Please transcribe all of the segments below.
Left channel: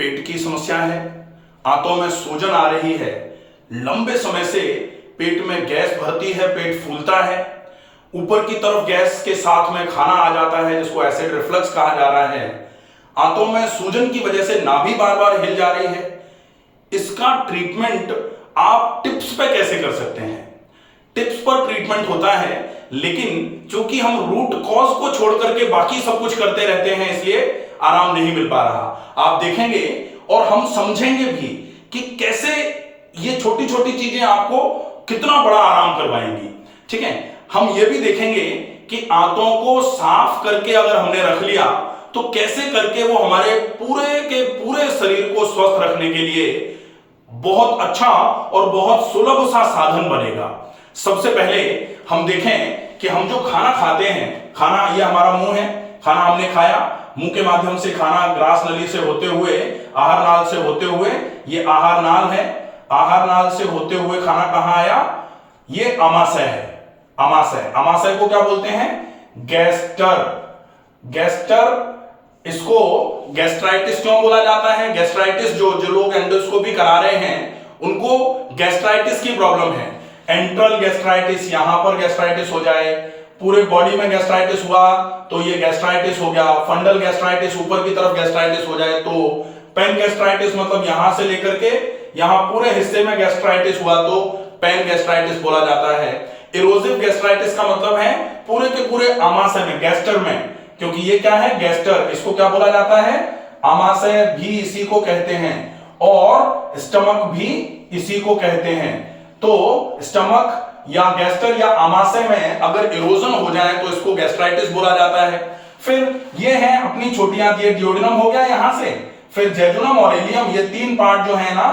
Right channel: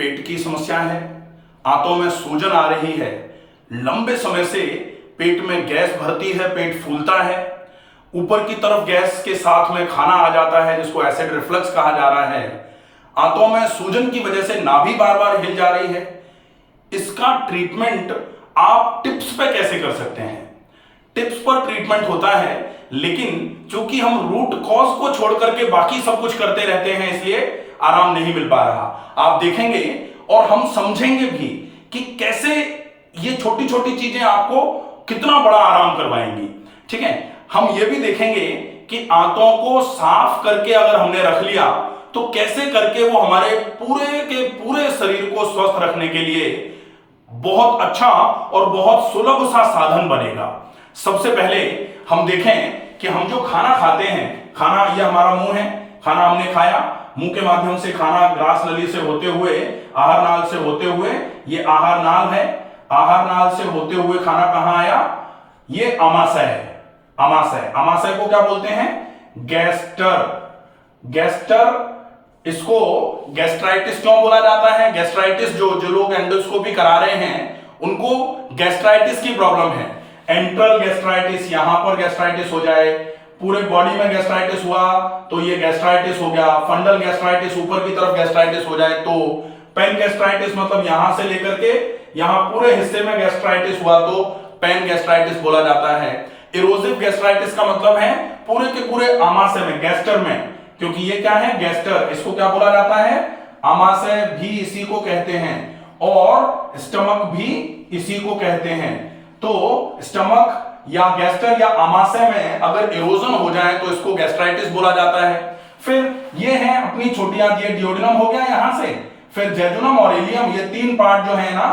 पेट की समस्या है, आंतों में सूजन आ रही है, लंबे समय से पेट में गैस भरती है, पेट फूलता है, ऊपर की तरफ गैस के साथ में खाना आ जाता है जिसको एसिड रिफ्लक्स कहा जा रहा है, आंतों में सूजन की वजह से नाभि बार बार हिल जा रही है, इसका ट्रीटमेंट आप टिप्स पे कैसे कर सकते हैं? टिप्स पर ट्रीटमेंट होता है, लेकिन चूंकि हम रूट कॉज को छोड़ करके बाकी सब कुछ करते रहते हैं इसलिए आराम नहीं मिल पा रहा। आप देखेंगे और हम समझेंगे भी कि कैसे ये छोटी छोटी चीजें आपको कितना बड़ा आराम करवाएंगी। ठीक है, हम ये भी देखेंगे कि आंतों को साफ करके अगर हमने रख लिया तो कैसे करके वो हमारे पूरे के पूरे शरीर को स्वस्थ रखने के लिए बहुत अच्छा और बहुत सुलभ सा साधन बनेगा। सबसे पहले हम देखें कि हम जो खाना खाते हैं, खाना ये हमारा मुंह है, खाना हमने खाया, मुंह के माध्यम से खाना ग्रास नली से होते हुए आहार नाल से होते हुए, ये आहार नाल है, आहार नाल से होते हुए खाना कहां आया? ये आमाशय है, आमाशय। आमाशय को क्या बोलते हैं? गैस्टर। गैस्टर, इसको गैस्ट्राइटिस क्यों बोला जाता है? गैस्ट्राइटिस जो लोग एंडोस्कोपी करा रहे हैं उनको गैस्ट्राइटिस की प्रॉब्लम है। एंट्रल गैस्ट्राइटिस, यहां पर गैस्ट्राइटिस हो जाए, पूरे बॉडी में गैस्ट्राइटिस हुआ तो ये गैस्ट्राइटिस हो गया। फंडल गैस्ट्राइटिस, ऊपर की तरफ गैस्ट्राइटिस हो जाए तो पेन गैस्ट्राइटिस, मतलब यहां से लेकर के यहां पूरे हिस्से में गैस्ट्राइटिस हुआ तो पेन गैस्ट्राइटिस बोला जाता है। इरोसिव गैस्ट्राइटिस का मतलब है पूरे के पूरे आमाशय में, गैस्टर में, क्योंकि ये क्या है? गैस्टर। इसको क्या बोला जाता है? आमाशय भी इसी को कहते हैं और स्टमक भी इसी को कहते हैं। तो स्टमक या गैस्टर या आमाशय में अगर इरोजन हो जाए तो इसको गैस्ट्राइटिस बोला जाता है। फिर ये है अपनी छोटी आंत, ये डियोडिनम हो गया यहां से, फिर जेजुनम और इलियम, ये तीन पार्ट जो है ना,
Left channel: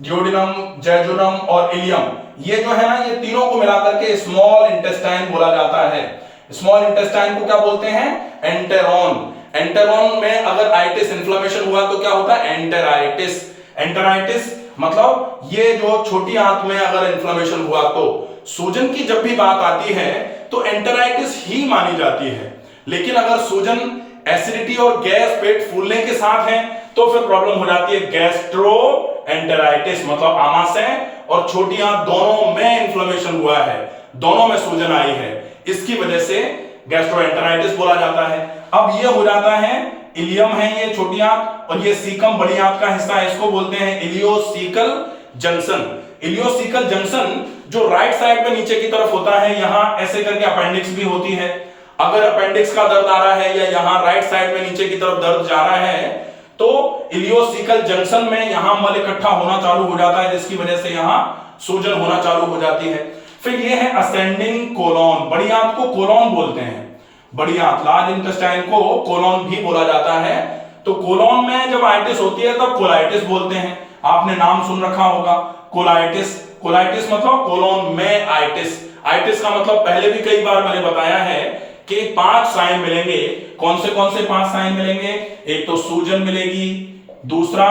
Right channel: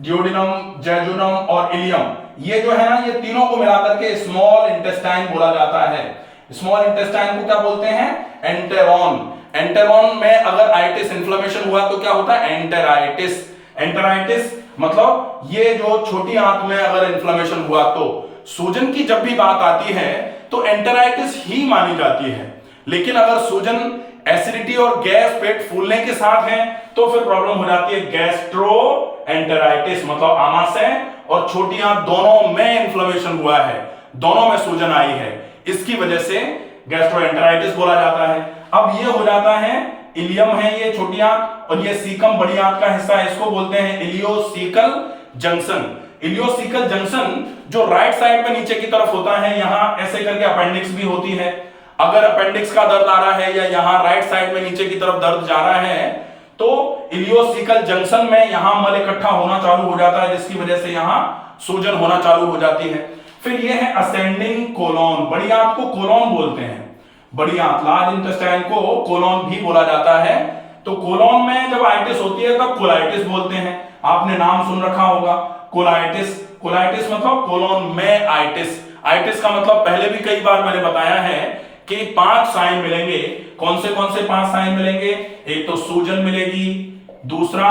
डियोडिनम, जेजुनम और इलियम, ये जो है ना, ये तीनों को मिलाकर के स्मॉल इंटेस्टाइन बोला जाता है। स्मॉल इंटेस्टाइन को क्या बोलते हैं? एंटेरॉन। एंटेरॉन में अगर आइटिस, इन्फ्लेमेशन हुआ तो क्या होता है? एंटेराइटिस। एंटेराइटिस मतलब ये जो छोटी आंत में अगर इन्फ्लेमेशन हुआ तो सूजन की जब भी बात आती है तो एंटेराइटिस ही मानी जाती है। लेकिन अगर सूजन, एसिडिटी और गैस, पेट फूलने के साथ है तो फिर प्रॉब्लम हो जाती है गैस्ट्रो एंटेराइटिस, मतलब आमाशय और छोटी आंत दोनों में इन्फ्लेमेशन हुआ है, दोनों में सूजन आई है, इसकी वजह से गैस्ट्रोएंटेराइटिस बोला जाता है। अब ये हो जाता है, इलियम है ये छोटी आंत और ये सीकम बड़ी आंत का हिस्सा है, इसको बोलते हैं इलियोसीकल जंक्शन। इलियोसीकल जंक्शन जो राइट साइड पे नीचे की तरफ होता है, यहां ऐसे करके अपेंडिक्स भी होती है। अगर अपेंडिक्स का दर्द आ रहा है या यहां राइट साइड में नीचे की तरफ दर्द जा रहा है तो इलियोसीकल जंक्शन में यहां मल इकट्ठा होना चालू हो जाता है, जिसकी वजह से यहां सूजन होना चालू हो जाती है। फिर ये है असेंडिंग कोलोन, बड़ी आंत को कोलोन बोलते हैं, बड़ी आंत, लार्ज इंटेस्टाइन को कोलोन भी बोला जाता है। तो कोलोन में जब आइटिस होती है तब कोलाइटिस बोलते हैं। आपने नाम सुन रखा होगा कोलाइटिस। कोलाइटिस मतलब कोलोन में आइटिस। आइटिस का मतलब पहले भी कई बार मैंने बताया है कि 5 साइन मिलेंगे। कौन से 5 साइन मिलेंगे? एक तो सूजन मिलेगी, दूसरा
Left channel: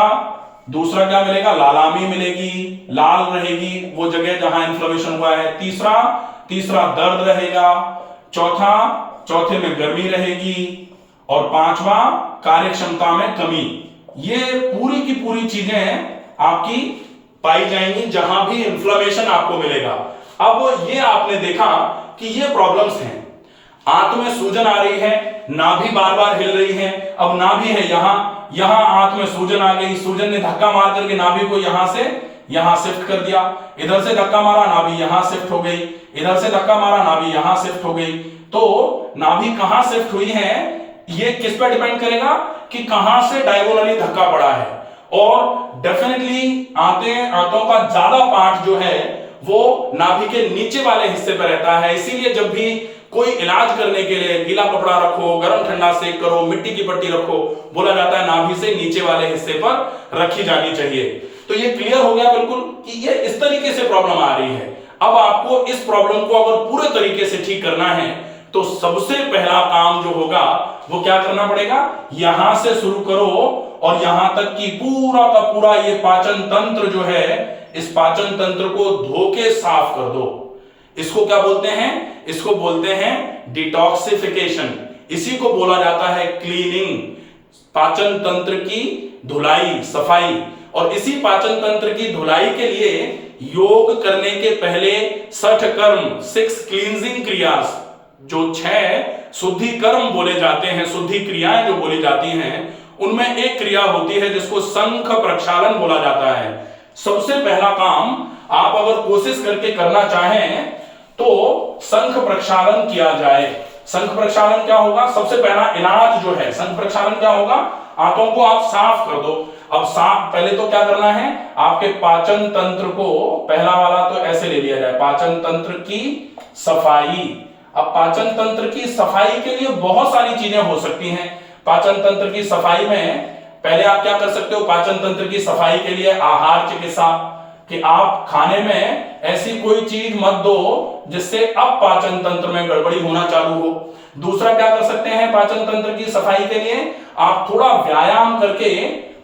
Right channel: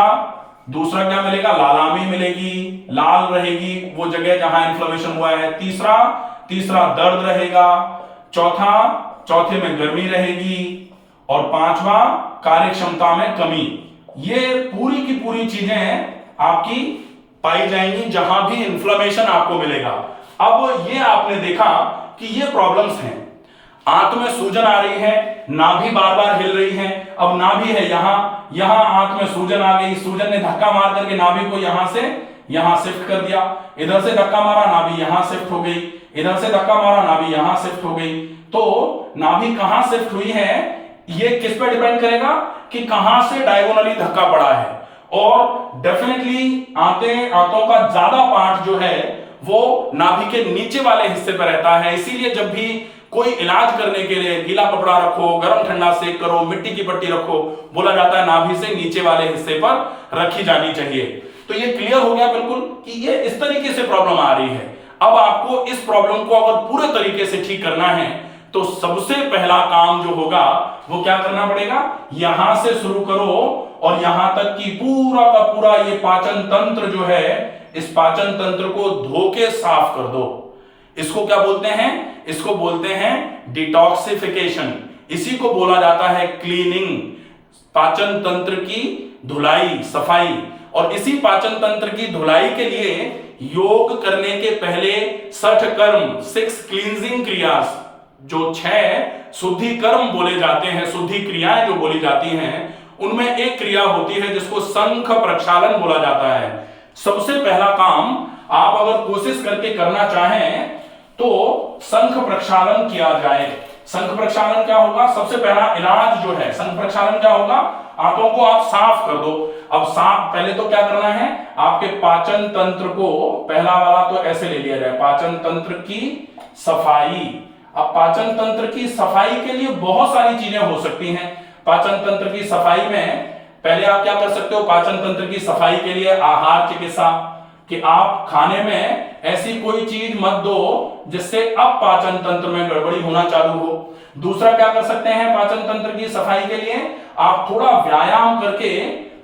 क्या मिलेगा? लालामी मिलेगी, लाल रहेगी वो जगह जहां इन्फ्लेमेशन हुआ है। तीसरा दर्द रहेगा, चौथे में गर्मी रहेगी और 5वां कार्य क्षमता में कमी। ये पूरी की पूरी चीजें आपकी पाई जाएंगी जहां भी इन्फ्लेमेशन आपको मिलेगा। अब ये आपने देखा कि ये प्रॉब्लम्स हैं, आंत में सूजन आ रही है, नाभि बार बार हिल रही है। अब नाभि है यहां आंत में सूजन आ गई, सूजन ने धक्का मार करके नाभि को यहां से यहां शिफ्ट कर दिया, इधर से धक्का मारा नाभि यहां शिफ्ट हो गई, इधर से धक्का मारा नाभि यहां शिफ्ट हो गई। तो नाभि कहां शिफ्ट हुई है ये किस पे डिपेंड करेगा कि कहां से डायगोनली धक्का पड़ा है। और डेफिनेटली आंतों का ज्यादा पार्ट जो है वो नाभि के नीचे वाले हिस्से पर रहता है। इसीलिए जब भी कोई इलाज करने के लिए गीला कपड़ा रखो, गर्म ठंडा सेक करो, मिट्टी की पट्टी रखो, बोला जाता है नाभि से नीचे वाले हिस्से पर रखी जानी चाहिए। तो ये क्लियर हो गया बिल्कुल कि ये इस तरीके से प्रॉब्लम आ रही है। अब आपको इस प्रॉब्लम को अगर पूरे तरीके से ठीक करना है तो सबसे पहला काम जो होगा वो क्या करना पड़ेगा? यहां से शुरू करो और यहां तक कि पूरा का पूरा ये पाचन तंत्र जो है, इस पाचन तंत्र को धो के साफ कर दो। इसको क्या बोलते हैं? इसको बोलते हैं डिटॉक्सिफिकेशन। इसी को बोला जाता है क्लीनिंग। पाचन तंत्र की धुलाई सफाई। और इसी पाचन तंत्र की धुलाई के लिए योग करने के पहले 6 कर्म 6 क्लींजिंग क्रियास, जो 6 शुद्धि कर्म बोले जाते हैं, शुद्धि क्रियाएं जो बोली जाती हैं, उनमें एक क्रिया होती है जिसको शंख प्रक्षालन बोला जाता है। सबसे पहला काम आप अगर कोशिश करके करना चाहें तो शंख प्रक्षालन किया जाए। शंख प्रक्षालन क्या होगा? सबसे पहला इलाज जो है शंख प्रक्षालन क्या होगा? आंतों को आप साफ कर दो। अब साफ पहले तो क्या करना है, आपके पाचन तंत्र को, पहला वाला तो ऐसे ले लिया जाए, पाचन तंत्र की सफाई। अब पाचन तंत्र की सफाई के लिए बहुत सारी चीजें हो सकती हैं। पाचन तंत्र की सफाई में पहले आप क्या कर सकते हो? पाचन तंत्र की सफाई के लिए आहार चिकित्सा, कि आप खाने में ऐसी कोई चीज मत दो जिससे अब पाचन तंत्र में गड़बड़ी होना चालू हो। दूसरा क्या कर सकते हैं पाचन तंत्र की सफाई के लिए? आप थोड़ा व्यायाम करके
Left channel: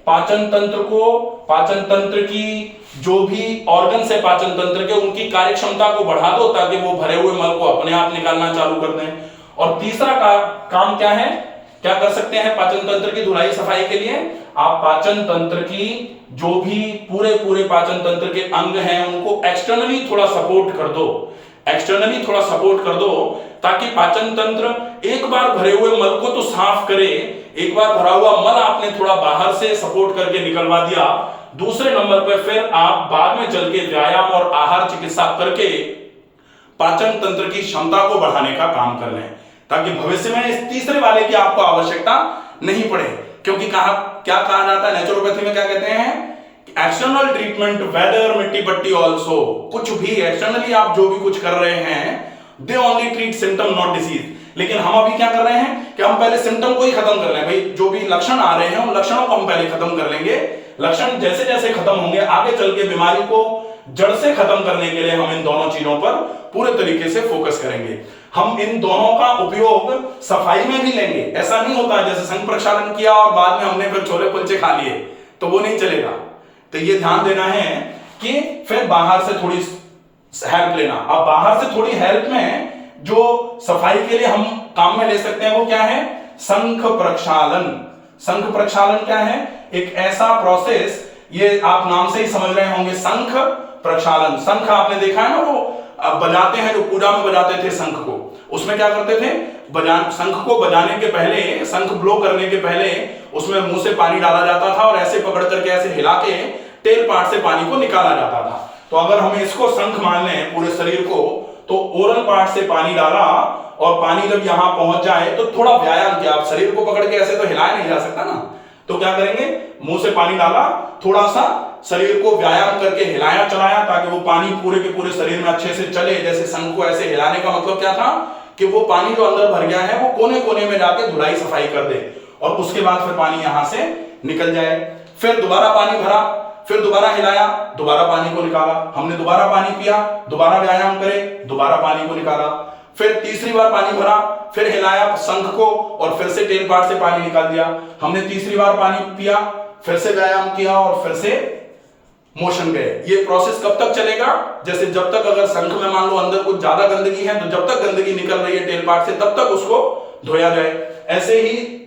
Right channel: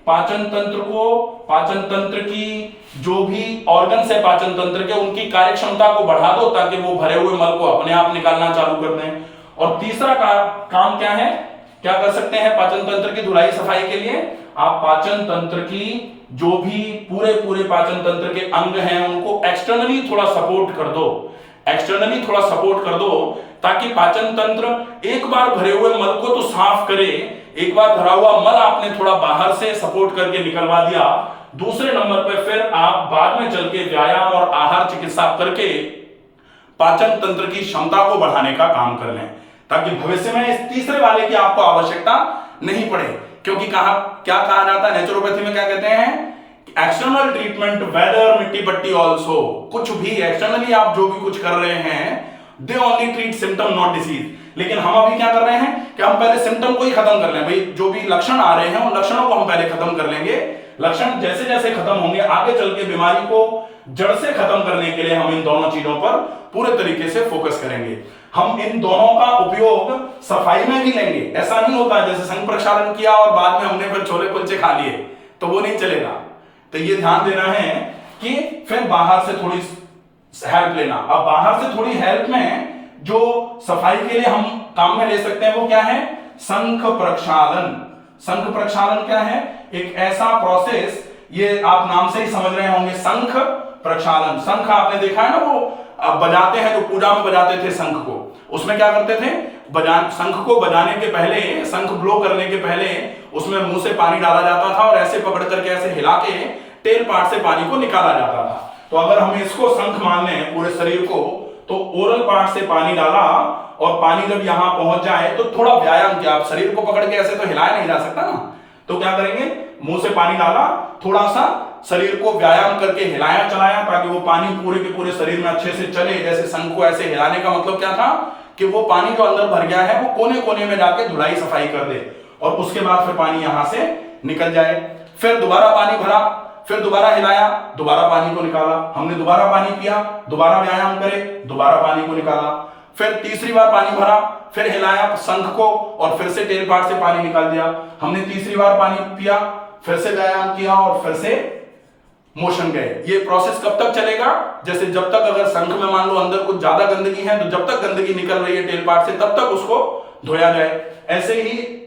पाचन तंत्र को, पाचन तंत्र की जो भी ऑर्गन है पाचन तंत्र के, उनकी कार्य क्षमता को बढ़ा दो ताकि वो भरे हुए मल को अपने आप निकालना चालू कर दें। और तीसरा काम क्या है, क्या कर सकते हैं पाचन तंत्र की धुलाई सफाई के लिए? आप पाचन तंत्र की जो भी पूरे पाचन तंत्र के अंग हैं उनको एक्सटर्नली थोड़ा सपोर्ट कर दो, एक्सटर्नली थोड़ा सपोर्ट कर दो, ताकि पाचन तंत्र एक बार भरे हुए मल को तो साफ करे। एक बार भरा हुआ मल आपने थोड़ा बाहर से सपोर्ट करके निकलवा दिया, दूसरे नंबर पे फिर आप बाद में चल के व्यायाम और आहार चिकित्सा करके पाचन तंत्र की क्षमता को बढ़ाने का काम कर लें, ताकि भविष्य में इस तीसरे वाले की आपको आवश्यकता नहीं पड़े। क्योंकि क्या कहा जाता है नेचुरोपैथी में, क्या कहते हैं? एक्सटर्नल ट्रीटमेंट वेदर मिट्टी पट्टी ऑल्सो, कुछ भी एक्सटर्नली आप जो भी कुछ कर रहे हैं, they only treat symptom not disease. लेकिन हम अभी क्या कर रहे हैं कि हम पहले सिम्टम को ही खत्म कर लें। भाई जो भी लक्षण आ रहे हैं उन लक्षणों को हम पहले खत्म कर लेंगे। लक्षण जैसे जैसे खत्म होंगे आगे चल के बीमारी को जड़ से खत्म करने के लिए हम इन दोनों चीजों पर पूरे तरीके से फोकस करेंगे। हम इन दोनों का उपयोग सफाई में भी लेंगे। ऐसा नहीं होता जैसे शंख प्रक्षालन किया और बाद में हमने फिर छोले कुलचे खा लिए, तो वो नहीं चलेगा। तो ये ध्यान देना है कि फिर बाहर से थोड़ी हेल्प लेना। अब बाहर से थोड़ी हेल्प में जो सफाई के लिए हम काम में ले सकते हैं वो क्या है? शंख प्रक्षालन। शंख प्रक्षालन क्या है? एक ऐसा प्रोसेस, ये आप नाम से ही समझ रहे होंगे, शंख प्रक्षालन। शंख आपने देखा है ना, वो बजाते हैं, जो पूजा में बजाते थे शंख को, उसमें क्या करते थे? शंख को बजाने के पहले, शंख ब्लो करने के पहले उसमें मुंह से पानी डाला जाता था और ऐसे पकड़ करके ऐसे हिला के टेल पार्ट से पानी को निकाला जाता था। तो अगर हम इसको शंख मान लें पूरे शरीर को, तो ओरल पार्ट से पानी डाला और पानी जब यहां पहुंच जाए तो थोड़ा व्यायाम किया। आप शरीर को पकड़ के ऐसे तो हिलाया नहीं जा सकता ना, तो क्या करेंगे? मुंह से पानी डाला, थोड़ा सा शरीर को व्यायाम करके हिलाया चलाया ताकि वो पानी पूरे के पूरे शरीर में अच्छे से चले। जैसे शंख को ऐसे हिलाने का मतलब क्या था कि वो पानी जो अंदर भर गया है वो कोने कोने में जाके धुलाई सफाई कर दे और उसके बाद फिर पानी यहां से निकल जाए। फिर दोबारा पानी भरा, फिर दोबारा हिलाया, दोबारा पानी को निकाला, हमने दोबारा पानी पिया, दोबारा व्यायाम करे, दोबारा पानी को निकाला, फिर तीसरी बार पानी भरा, फिर हिलाया शंख को और फिर से टेल पार्ट से पानी निकाल दिया, हमने तीसरी बार पानी पिया, फिर से व्यायाम किया और फिर से मोशन गए। ये प्रोसेस कब तक चलेगा? जैसे जब तक अगर शंख में मान लो अंदर कुछ ज्यादा गंदगी है तो जब तक गंदगी निकल रही है टेल पार्ट से तब तक उसको धोया जाए। ऐसे ही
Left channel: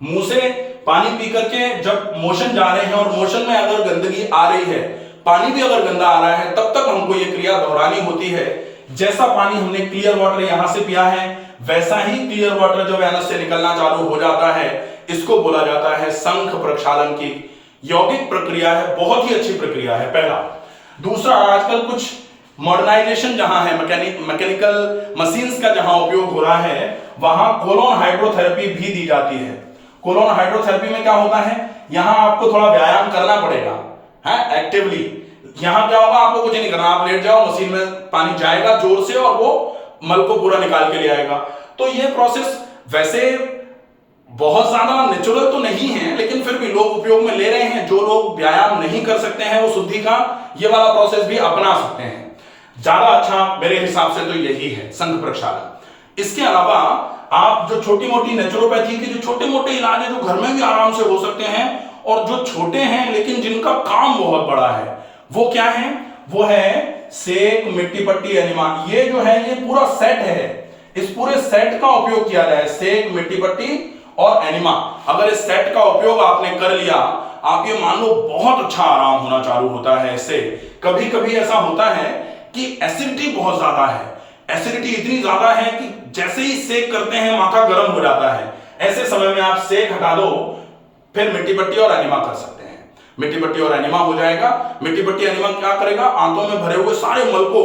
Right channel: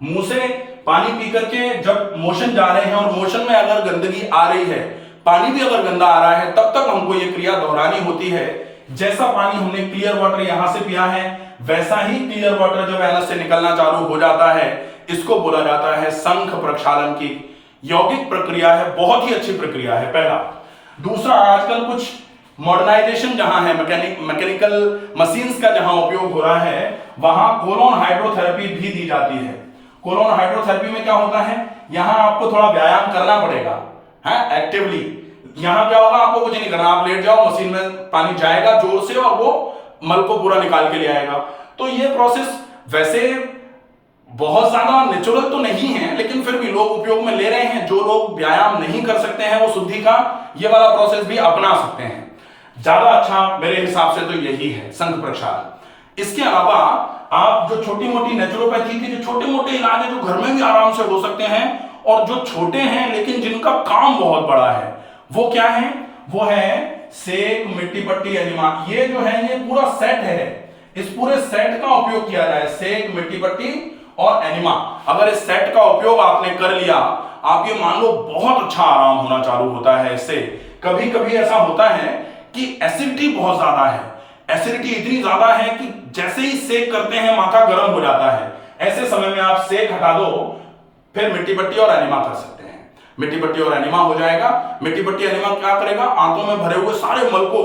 मुंह से पानी पी करके जब मोशन जा रहे हैं और मोशन में अगर गंदगी आ रही है, पानी भी अगर गंदा आ रहा है, तब तक हमको ये क्रिया दोहरानी होती है। जैसा पानी हमने क्लियर वाटर यहां से पिया है वैसा ही क्लियर वाटर जब एनस से निकलना चालू हो जाता है, इसको बोला जाता है शंख प्रक्षालन की यौगिक प्रक्रिया है। बहुत ही अच्छी प्रक्रिया है, पहला। दूसरा, आजकल कुछ मॉडर्नाइजेशन जहां है, मैकेनिकल मशीन्स का जहां उपयोग हो रहा है, वहां कोलोन हाइड्रोथेरेपी भी दी जाती है। कोलोन हाइड्रोथेरेपी में क्या होता है, यहां आपको थोड़ा व्यायाम करना पड़ेगा, है एक्टिवली। यहां क्या होगा, आपको कुछ नहीं करना, आप लेट जाओ, मशीन में पानी जाएगा जोर से और वो मल को पूरा निकाल के ले आएगा। तो ये प्रोसेस वैसे बहुत ज्यादा नेचुरल तो नहीं है, लेकिन फिर भी लोग उपयोग में ले रहे हैं। जो लोग व्यायाम नहीं कर सकते हैं वो शुद्धि का ये वाला प्रोसेस भी अपना सकते हैं। ज्यादा अच्छा मेरे हिसाब से तो यही है शंख प्रक्षालन। इसके अलावा आप जो छोटी मोटी नेचुरोपैथी के जो छोटे मोटे इलाज है जो घर में भी आराम से हो सकते हैं, और जो छोटे हैं लेकिन जिनका काम बहुत बड़ा है, वो क्या है? वो है सेक, मिट्टी पट्टी, एनिमा। ये जो है ये पूरा सेट है, इस पूरे सेट का उपयोग किया जाए, सेक, मिट्टी पट्टी और एनिमा, अगर इस सेट का उपयोग आपने कर लिया, आप ये मान लो बहुत अच्छा आराम होना चालू होता है इससे। कभी कभी ऐसा होता है कि एसिडिटी बहुत ज्यादा है, एसिडिटी इतनी ज्यादा है कि जैसे ही सेक करते हैं माथा गर्म हो जाता है। ऐसे समय में आप सेक हटा दो, फिर मिट्टी पट्टी और एनिमा कर सकते हैं। मिट्टी पट्टी और एनिमा हो जाएगा। मिट्टी पट्टी एनिमा क्या करेगा, आंतों में भरे हुए सारे मल को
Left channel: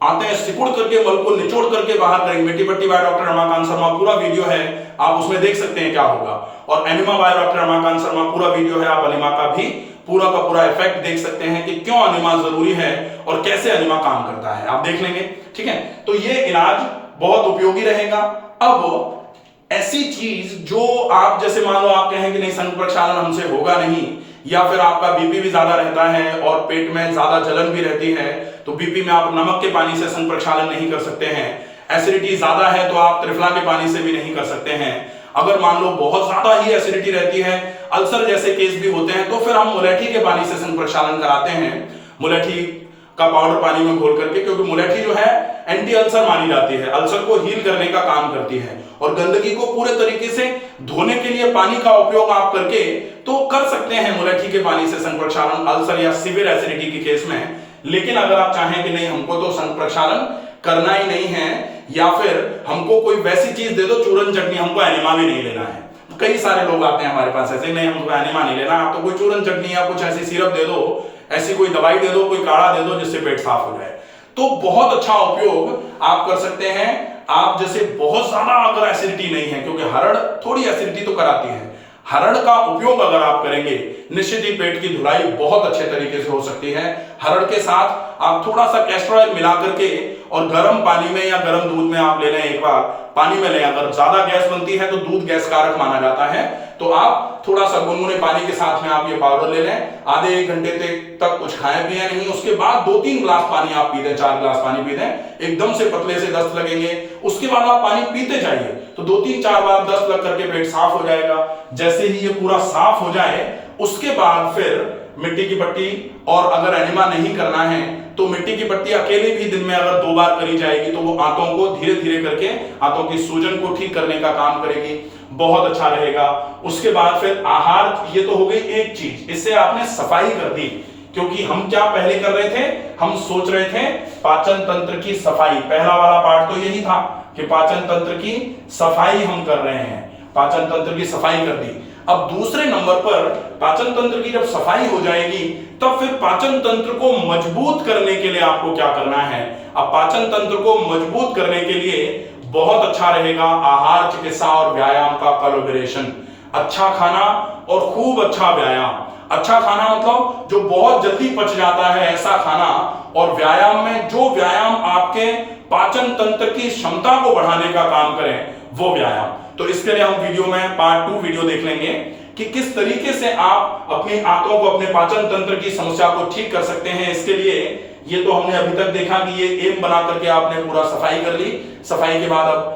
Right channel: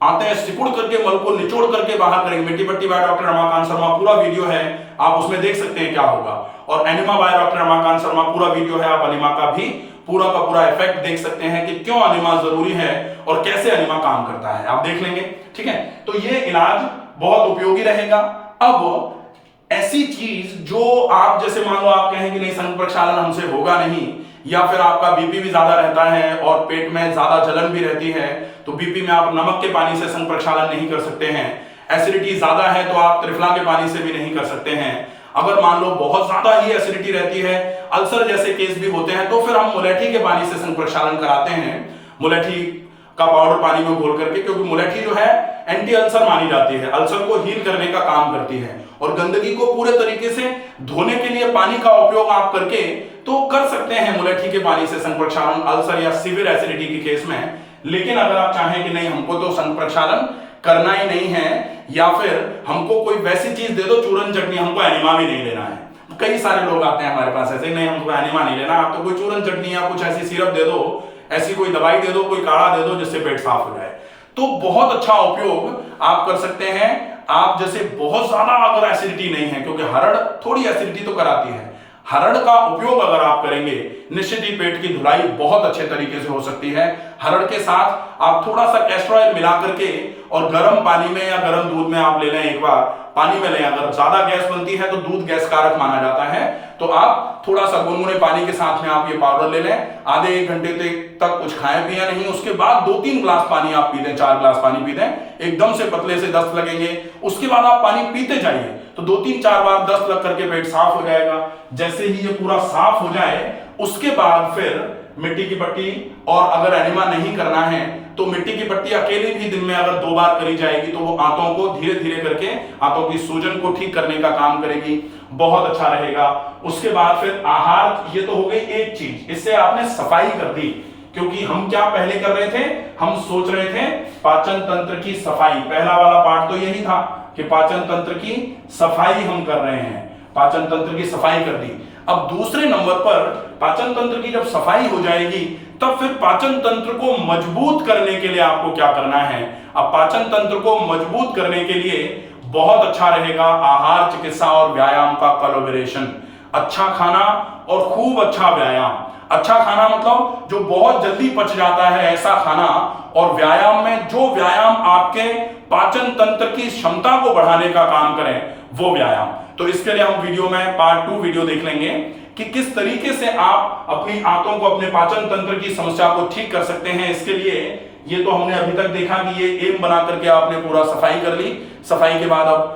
आते सिकुड़ करके, मल को निचोड़ करके बाहर करेंगे। मिट्टी पट्टी बाय डॉक्टर रमाकांत शर्मा, पूरा वीडियो है, आप उसमें देख सकते हैं क्या होगा। और enema by doctor Ramakant Sharma, पूरा वीडियो है, आप एनिमा का भी पूरा का पूरा इफेक्ट देख सकते हैं कि क्यों एनिमा जरूरी है और कैसे एनिमा काम करता है, आप देख लेंगे। ठीक है, तो ये इलाज बहुत उपयोगी रहेगा। अब ऐसी चीज जो आप जैसे मान लो आप कहें कि नहीं संघ प्रक्षालन हमसे होगा नहीं, या फिर आपका बीपी भी ज्यादा रहता है और पेट में ज्यादा जलन भी रहती है, तो बीपी में आप नमक के पानी से संघ प्रक्षालन नहीं कर सकते हैं। एसिडिटी ज्यादा है तो आप त्रिफला के पानी से भी नहीं कर सकते हैं। अगर मान लो बहुत ज्यादा ही एसिडिटी रहती है, अल्सर जैसे केस भी होते हैं, तो फिर हम मुलेठी के पानी से संघ प्रक्षालन कराते हैं, मुलेठी का पाउडर पानी में घोल करके, क्योंकि मुलेठी जो है एंटी अल्सर मानी जाती है, अल्सर को हील करने का काम करती है। और गंदगी को पूरे तरीके से धोने के लिए पानी का उपयोग आप करके तो कर सकते हैं मुलेठी के पानी से संघ प्रक्षालन, अल्सर या सीवियर एसिडिटी के केस में। लेकिन अगर आप चाहें कि नहीं हमको तो संघ प्रक्षालन करना ही नहीं है, या फिर हमको कोई वैसी चीज दे दो चूरन चटनी, हमको एनिमा भी नहीं लेना है। कई सारे लोग आते हैं हमारे पास ऐसे, नहीं हमको एनिमा नहीं लेना, आप तो कोई चूरन चटनी या कुछ ऐसी सिरप दे दो, ऐसी कोई दवाई दे दो, कोई काढ़ा दे दो जिससे पेट साफ हो जाए। तो बहुत अच्छा उपयोग आप कर सकते हैं। आप जैसे बहुत ज्यादा अगर एसिडिटी नहीं है, क्योंकि हरड़ थोड़ी एसिडिटी तो कराती है, हरड़ का उपयोग अगर आप करेंगे निश्चित ही पेट की धुलाई बहुत अच्छे तरीके से हो सकती है। हरड़ के साथ आप थोड़ा सा कैस्टर ऑयल मिला करके और गर्म पानी में या गर्म दूध में आप ले लें, एक बार पानी में लें। अगर ज्यादा गैस बनती है तो दूध गैस कारक माना जाता है, तो आप थोड़ा सा गुनगुने पानी के साथ में आप ये पाउडर ले लें। आधे 1 घंटे तक कुछ खाए पिए नहीं, उसके बाद 2-3 ग्लास पानी आप पी दें, 4 ग्लास पानी पी दें, एकदम से पतले से दस्त लगेंगे। उसके बाद आप पानी पीते जाइए, तो 2-3-4 बार दस्त लग करके पेट साफ हो जाएगा। जैसे ही ये पूरा साफ हो जाए, उसके बाद फिर मिट्टी की पट्टी, और अगर एनिमा नहीं करना है तो मिट्टी की पट्टी अकेले भी दिन में अगर 2 बार करी जाएगी तो वो आंतों को धीरे धीरे करके आंतों की सूजन को ठीक करने का काम करेगी, बहुत अच्छा रहेगा। उसके बाद फिर आहार, ये तो हो गई एक चीज, इससे आपने सफाई कर दी। क्योंकि हम क्या पहले कर रहे थे, हम सोच रहे थे पाचन तंत्र की सफाई, पहला वाला पार्ट तो यही था कि पाचन तंत्र की सफाई हम कर रहे हैं, पाचन तंत्र की सफाई कर दी। अब दूसरे नंबर पर पाचन तंत्र की जब सफाई हो जाएगी, तब फिर पाचन तंत्र को मजबूत करने के लिए आपको क्या करना है। अब पाचन तंत्र को मजबूत करने के लिए बहुत अच्छा रहेगा आहार, चिकित्सा और व्यायाम का कोलैबोरेशन। अच्छा खाना और खूब अच्छा व्यायाम। अच्छा खाना मतलब जो बहुत जल्दी पच जाता है ऐसा खाना, और व्यायाम में जो व्यायाम आपके पाचन तंत्र की क्षमता को बढ़ाने का काम करें, वो व्यायाम। तो इसके लिए हम वीडियो में पार्ट 2 वीडियो देख लेंगे कि किस तरीके से आप अपनी आंतों को, अपने पाचन तंत्र की समस्या को ठीक कर सकते हैं। इसके लिए ये तो हमने अभी तक देखा कि ये एम बना करके आपने पूरा सफाई कर ली। सफाई के बाद अब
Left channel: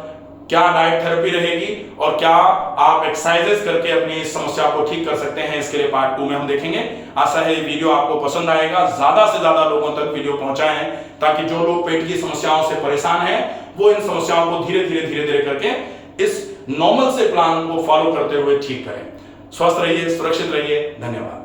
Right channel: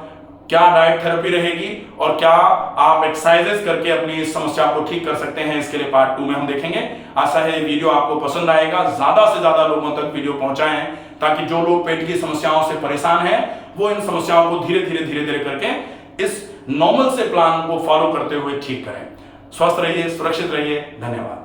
क्या डाइट थेरेपी रहेगी और क्या आप एक्सरसाइजेस करके अपनी इस समस्या को ठीक कर सकते हैं, इसके लिए पार्ट 2 में हम देखेंगे। आशा है वीडियो आपको पसंद आएगा, ज्यादा से ज्यादा लोगों तक वीडियो पहुंचाएं, ताकि जो लोग पेट की समस्याओं से परेशान हैं वो इन समस्याओं को धीरे धीरे करके इस नॉर्मल से प्लान को फॉलो करते हुए ठीक करें। स्वस्थ रहिए, सुरक्षित रहिए, धन्यवाद।